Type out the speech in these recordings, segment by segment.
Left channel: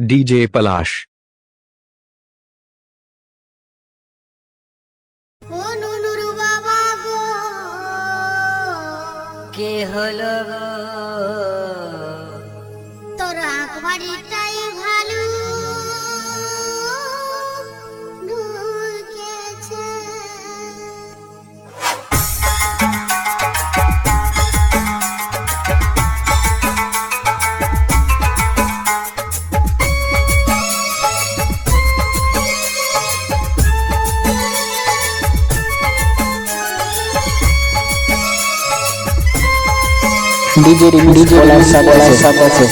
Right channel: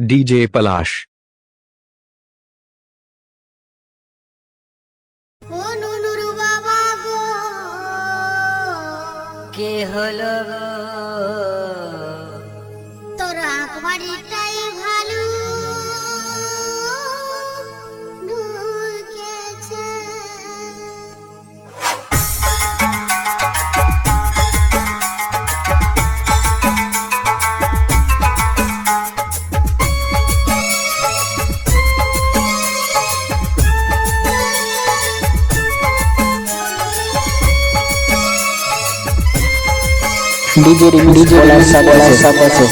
DJ Palash. ও নুনুর বাবা গো, কে হলো গো? তোর আকবারিটাই ভালো ঢুকেছে। DJ Palash सब আছে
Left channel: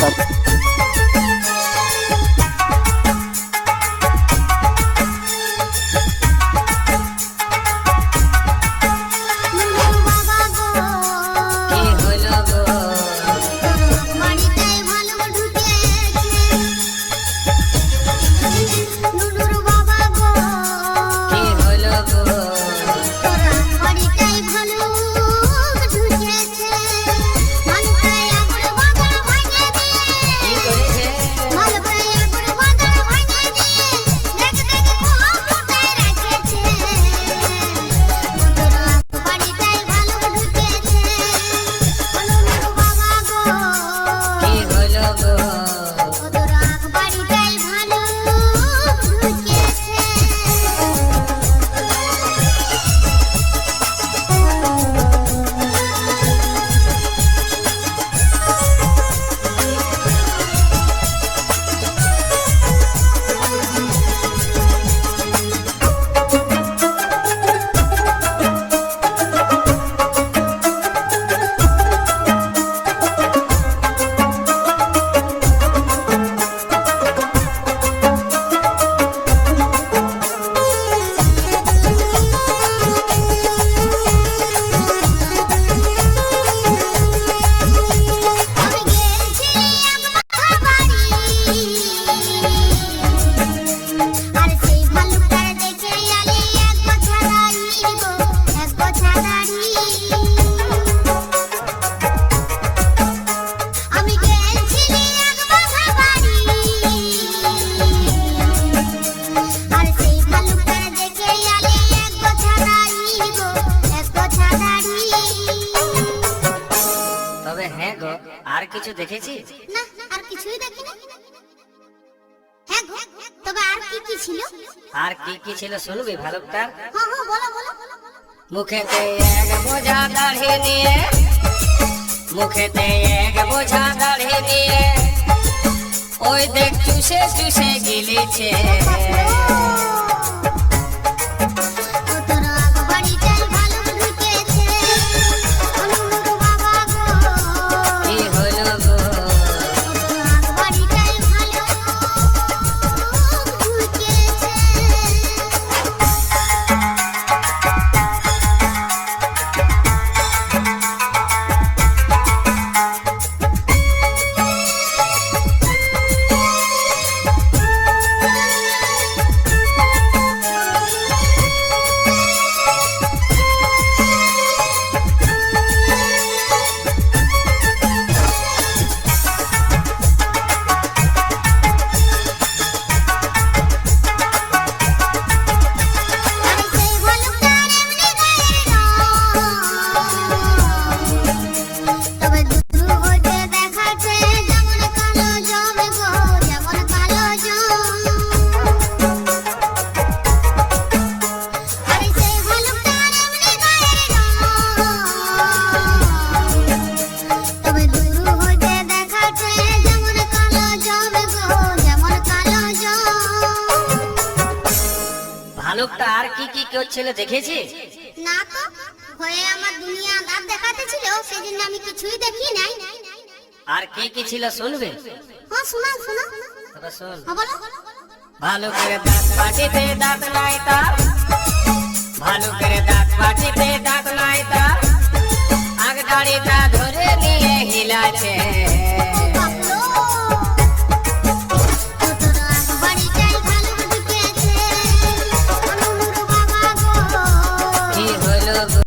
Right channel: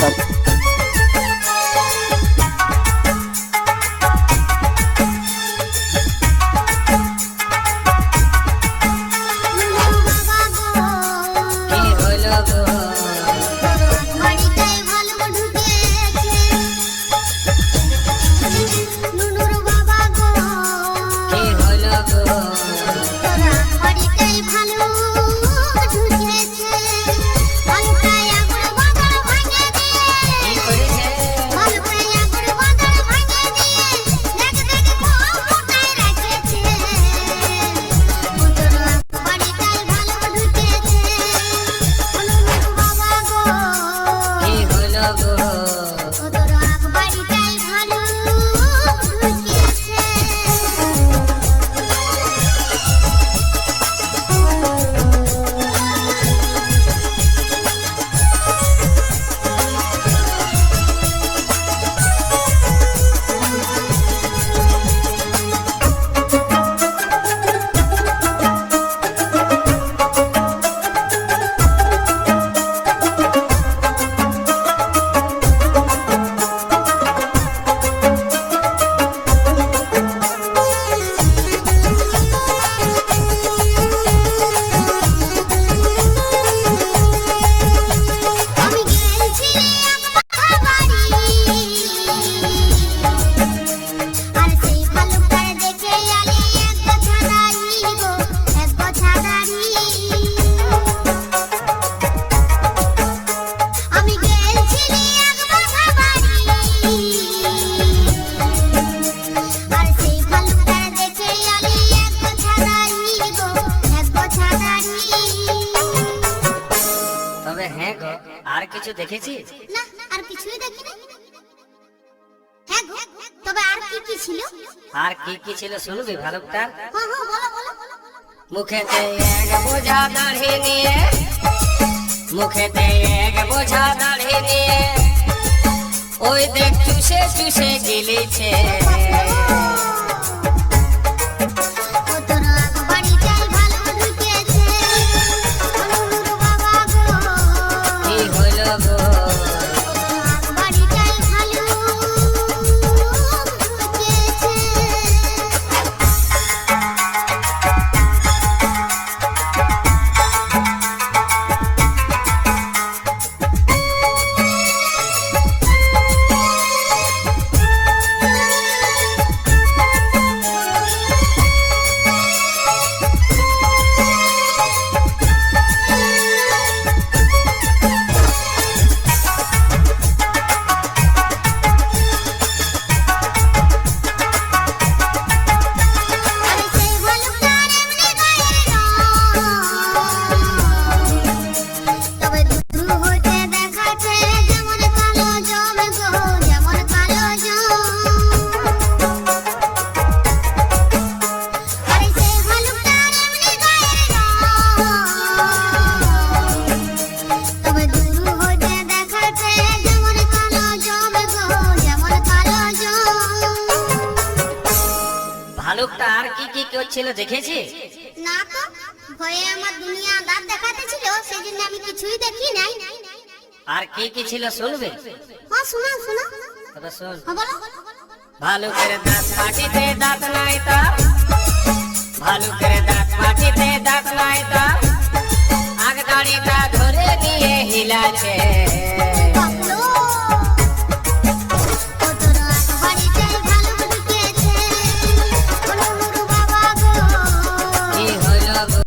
আর কিছু দেখেছি না, আর কিছুই দেখিনি। হ্যাঁ গো, তবে আর কি কি ছিল? আর কি কি ছিল শুনবি ভালুকটা? হ্যাঁ হ্যাঁ, বলো বলো। মুখেতে এক বোঝা দাড়ি নিয়ে, মুখেতে এক বোঝা দাড়ি নিয়ে, ওই দেখ চুষে চুষে গিলেছে। ভালুকটা আর কি কি করছিল দেখেছি? না তো, ভয়ে আমার দুনিয়া দাঁত দেখাতেছিল, সেই জন্য আমি কিছুই দেখি নাই। আর কি কি ছিল শুনবে? হ্যাঁ শোনা শোনা। তবে শোন। হ্যাঁ বলো। ভালুকের দাঁত পাটিতে দাঁত নাই তার, ভালুকের দাঁত পাটিতে দাঁত নাই তার,